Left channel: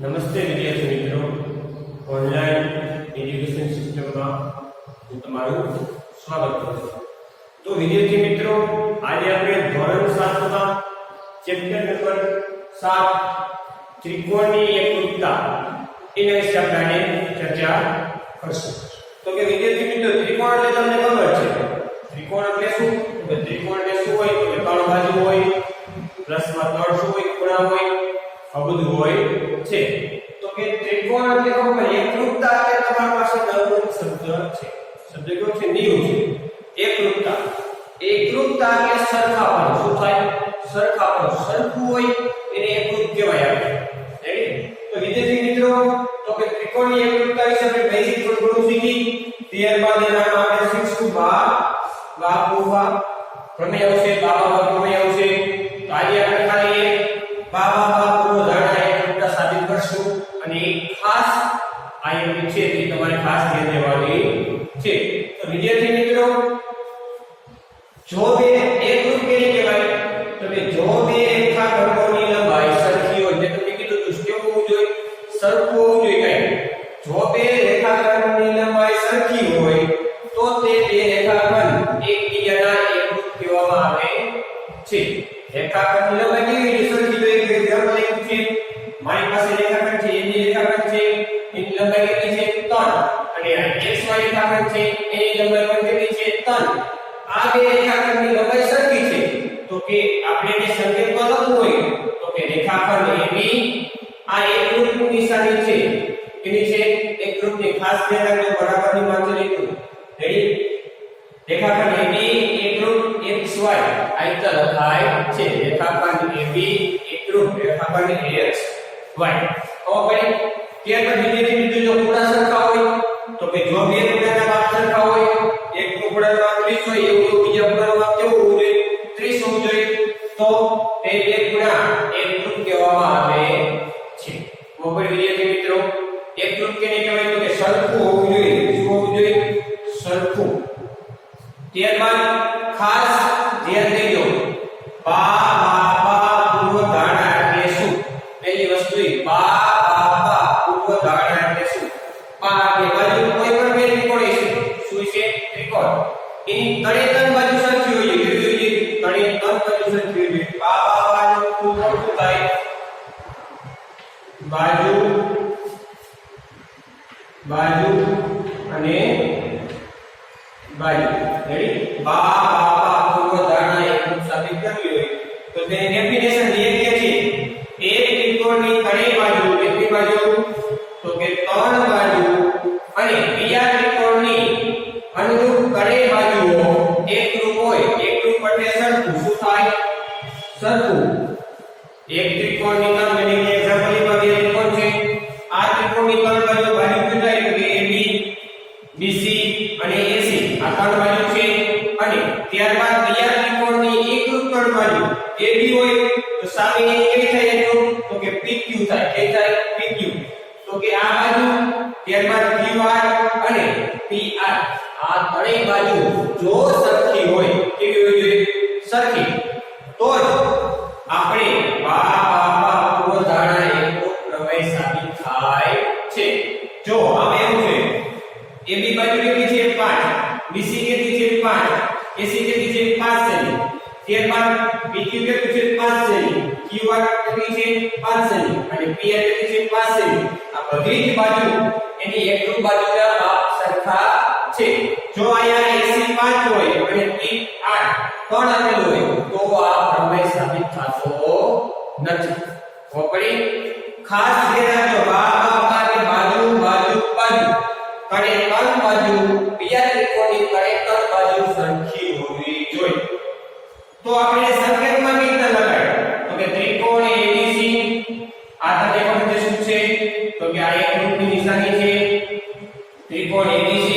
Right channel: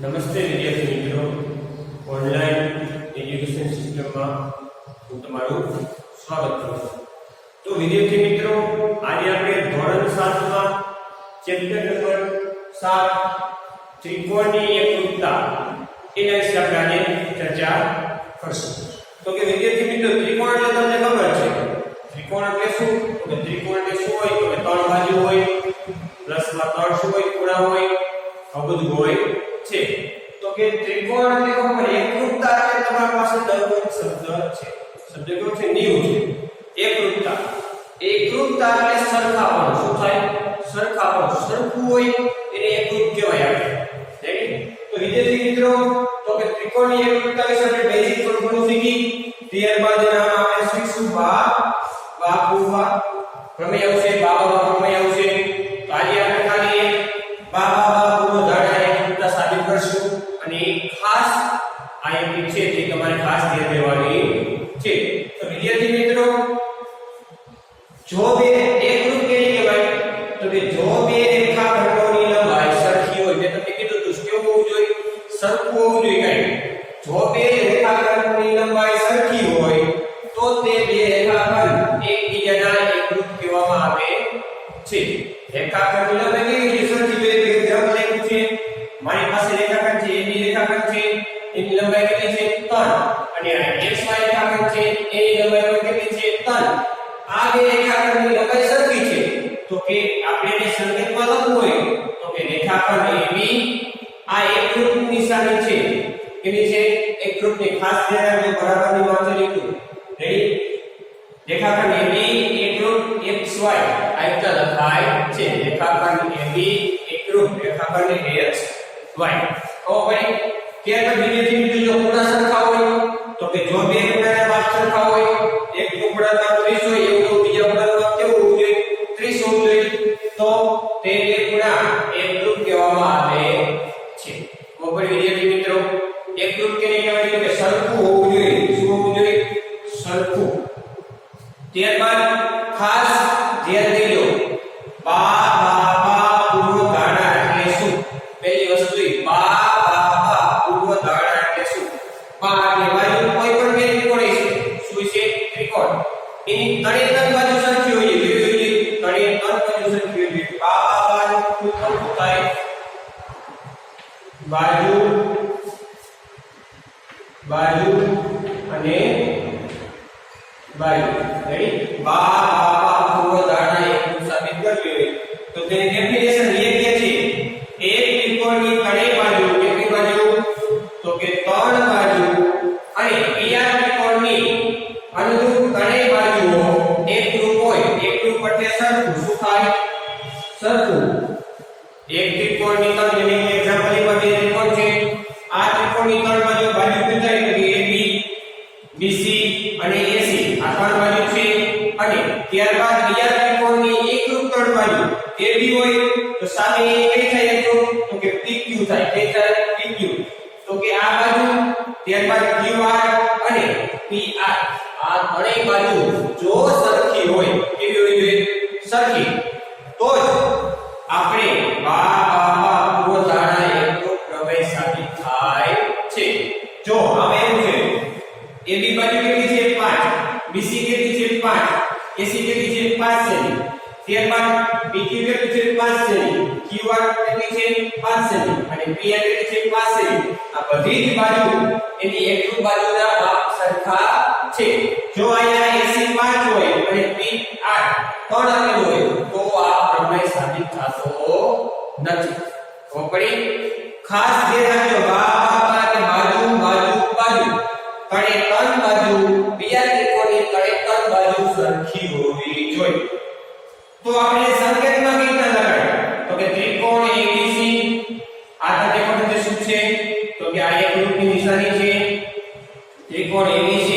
નમસ્તે વિદ્યાર્થી મિત્રો, ઓનલાઈન એજ્યુકેશન સિસ્ટમમાં હું તમારું સ્વાગત કરું છું. તો વિદ્યાર્થી મિત્રો, આજે આપણે ધોરણ 7 માં ચેપ્ટર નંબર 7 ત્રિકોણની એકરૂપતા એના વિશે આપણે ચર્ચા કરશું. તો કે વિદ્યાર્થી મિત્રો, ત્રિકોણ એટલે તમને ખબર છે, ત્રિકોણ એટલે શું? તો કે ત્રિકોણ એટલે શું હોય? તો કે ત્રણ બાજુ હોય, પ્લસમાં ત્રણ શું હોય? ખૂણા હોય, આ બધું હોય છે. તો કે ત્રિકોણ એટલે ખબર, એકરૂપતા એટલે તમારી પાસે નવો શબ્દ છે. શબ્દ કયો છે? નીવ છે. એકરૂપતા. એકરૂપતા એટલે સરખાપણું. શું થાય? સરખાપણું. સરખું હોય એને એકરૂપ કહેવાય. આપણે રેડી? તો વિદ્યાર્થી મિત્રો, તો કે ત્રિકોણની એકરૂપતા વિશે આપણે બેઝિક થોડું શીખી. ત્યારબાદ એના આપણે શીખશું બા પ્રમેય આવશે, બા પ્રમેય આવશે. તો આજે આપણે ખાલી એક બા પૂર્વધારણા એકરૂપતા સાબિત કરશું, અને ખાસ આ એક છે જે તમારે ખાસ ધ્યાન દેવાની છે. તો વિદ્યાર્થી મિત્રો, જો બે એકરૂપ કેવી કહેવાય? તો કે જો બે રેખાખંડોની લંબાઈ સરખી હોય, એટલે તમે કીધું તો કેવું હોવું જોઈએ? સરખું હોવું જોઈએ. કઈ જો બે રેખાખંડોની લંબાઈ સરખી હોય તો તે બે રેખાખંડ એકબીજાના એકરૂપ કહેવામાં આવે છે. રેખાખંડની લંબાઈ કેવી સરખી જોઈએ? એક્ઝામ્પલ લખ્યું છે, મારી પાસે રેખાખંડ છે, એની રેખાખંડ છે, એની લંબાઈ કેટલી છે? 3. અને આ XY રેખાખંડ છે, એની લંબાઈ પણ કેટલી છે? 3. આ બે રેખાખંડની લંબાઈ સરખી છે, તો કે આપણે જે સંકેતમાં લખવું હોય તો કે રેખાખંડ AB આ એકરૂપની નિશાની છે. કેની છે? એકરૂપની. ખાસ ધ્યાન રાખજો, બરાબરની માથે લીધું. રેડી? રેખાખંડ AB એકરૂપ XY આ રીતે લખાય છે. રેખાખંડ AB એકરૂપ રેખાખંડ XY. હવે ભાઈ, ત્યારબાદ વિદ્યાર્થી મિત્રો, જો ખૂણા સરખા હોય તો કે જો બે ખૂણાના માપ સરખા હોય, એક ખૂણાનું માપ 30 હોય, એવું બીજા ખૂણાનું માપ કેવું હોવું જોઈએ? 30 હોવું જોઈએ. તો તે બે ખૂણા એકરૂપ કહેવામાં આવે છે. હવે વિદ્યાર્થી મિત્રો, એકરૂપ કેને કહેવાય? તો કે સરખું હોવું જોઈએ. શું હોવું જોઈએ? સરખું. ત્યારબાદ ખાસ ધ્યાન દેજો, બા પૂર્વધારણા એટલે શું? પહેલી વસ્તુ બા પૂર્વધારણા એટલે શું? બા એટલે બાજુ કોઈ પણ બે ત્રિકોણ છે. શું છે? ત્રિકોણ. એની ત્રણેય બાજુ સરખી હોય છે. કેવી હોય છે? ત્રણેય બાજુ સરખી હોય છે. બાનું પૂર્ણ શું થાય? બાજુ અને બાજુ. રેડી? બા પૂર્વધારણા એકરૂપ સાબિત કરવી હોય તો તેને ડેફિનેશન લખીએ છીએ. એક ત્રિકોણની ત્રણેય બાજુ કેટલી બાજુ? તો કે 3 બાજુ, અને બીજા ત્રિકોણની અનુરૂપ ત્રણેય બાજુઓ એકરૂપ હોય. એકરૂપ એટલે સરખું. શું થાય? સરખું. એક ત્રિકોણની ત્રણ, એટલે એક્ઝામ્પલ માં બે ત્રિકોણ છે. આ ત્રિકોણની ત્રણ બાજુ કેટલા? એટલે AB, BC અને AC. આ ત્રણ બાજુ છે. અને ત્યારબાદ બીજા ત્રિકોણની એકરૂપ ત્રણ બાજુ AB હોય તો સામે કઈ થાય? તો કે PQ થાય. કઈ થાય? PQ. તો કે આ બાજુ, ત્યારબાદ QR અને PR, આ ત્રણેય બાજુ જો સરખી હોય, કેવી હોવી જોઈએ? સરખી. તો જ આપણે પૂર્વધારણા એકરૂપ પ્રમેય સાબિત થાય છે. જો આમાં એવું છે, AB બાજુ કેટલી છે? 5. BC કેટલી છે? 5. AC કેટલી છે? 5 સેમી. ત્યારબાદ PQ કેટલી છે? 5 સેમી. QR કેટલી છે? 5 સેમી. અને PR કેટલી છે? 5 સેમી. આ બધી જ બાજુ એની એકરૂપ બાજુના માપ સરખા છે. જો અહીંયા AC 5 હોય અને PR 3 આપેલું હોય તો આ પ્રમેય સાબિત થતો નથી. તો પડી ખાસ ધ્યાન રાખજો, બાજુ ત્રણેય બાજુ બીજા ત્રિકોણની ત્રણેય બાજુ સરખી હોવી જોઈએ. તો આપણે સંકેતમાં કઈ રીતે લગાડે? તો કે ત્રિકોણ ABC, આ ત્રિકોણ શું છે? તો કે આ એકરૂપની નિશાની છે. ત્રિકોણ ABC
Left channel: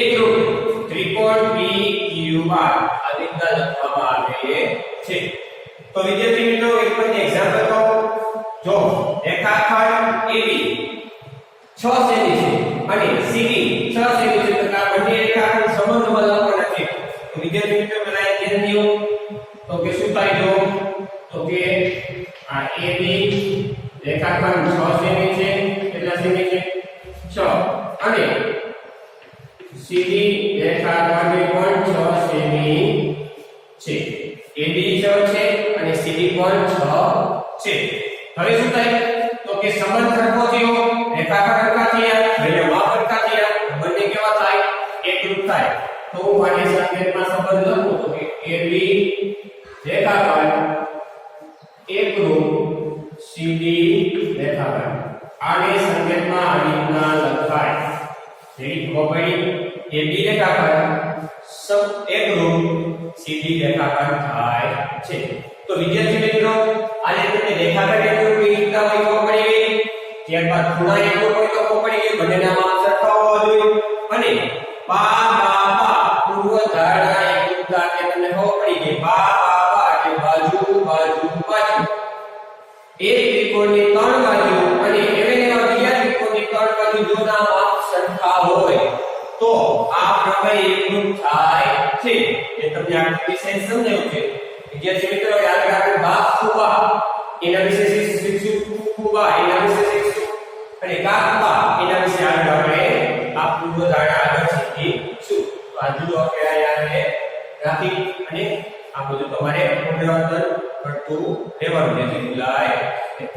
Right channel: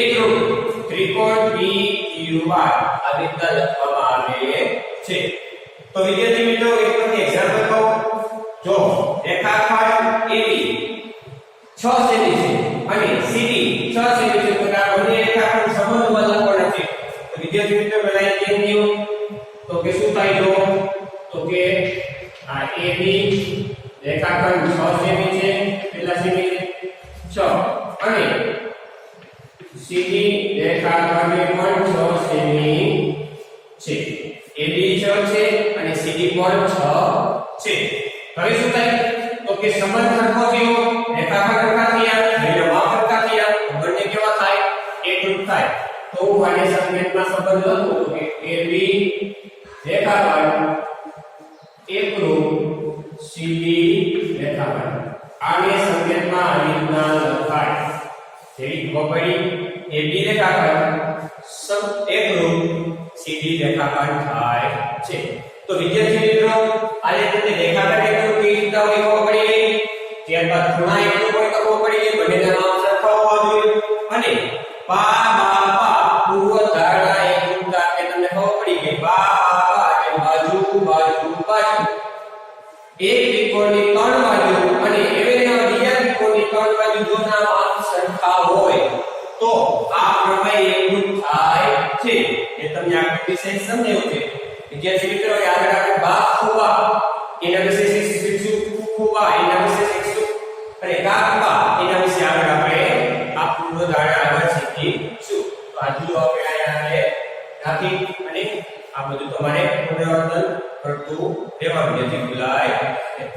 એકરૂપ. ત્રિકોણ PQR આ રીતે લખવામાં આવે છે. તો વિદ્યાર્થી મિત્રો, એક પણ એક્ઝામ્પલ કહું. જો રેખાખંડ AB 6 સેમી છે અને CD 6 સેમી છે, તો આ બંને રેખાખંડ સંબંધમાં લખવાના છે. તો વિદ્યાર્થી મિત્રો, પહેલા એક ધ્યાન દો. તો કે શું થાય? તો કે આ AB રેખાખંડ 6 સેમી છે. કેટલા સેમી છે? 6. અને CD રેખાખંડ પણ 6 સેમી છે. AB 6 છે અને CD પણ 6 છે. હવે શું થાય? તો કે સંબંધ સરખો થયો, રેખાખંડ સરખા થયા, એટલે માપ સરખા થયા, બંને કેવા થાય? એકરૂપ થાય. તો હું આને સંકેતમાં સંબંધ લખું તો કે AB રેખાખંડ એકરૂપ CD રેખાખંડ. આને સંકેતમાં આવી રીતના લખાય. જેવી ખબર પડી AB રેખાખંડ એકરૂપ CD રેખાખંડ થાય છે. તો વિદ્યાર્થી મિત્રો આજે તમને રેખાખંડ એકરૂપ કેવી રીતના હોય ખબર પડી. ત્યારબાદ ખૂણા એકરૂપ હોય તો ખબર પડી બંનેના માપ સરખા હોવા જોઈએ. અને પા બા પા પૂર્વ ધારણા એકરૂપતા કે તમને ખબર પડી કે પા બા પા એટલે બાજુ બાજુ બાજુ. એક ત્રિકોણની ત્રણ બાજુ અને એવેના બીજા ત્રિકોણની ત્રણ બાજુ જો ના માપ સરખા હોય તો આ પ્રમેય એકરૂપ થાય છે. એ તમને આ વિશે સમજાયું છે. વિદ્યાર્થી મિત્રો યાદ રાખો બા ફુબા એના વિશે શીખશું. ફુબા એના વિશે શીખશું અને કાકબા એના વિશે આગળ આપણે આ પૂર્વ ધારણા આગળ શીખીશું. તો આ જુઓ આપણે અહીંયા રાખી અને આ બધું તમારે પુનરાવર્તન કરતું રહેવાનું જેથી ભૂલાય નહીં.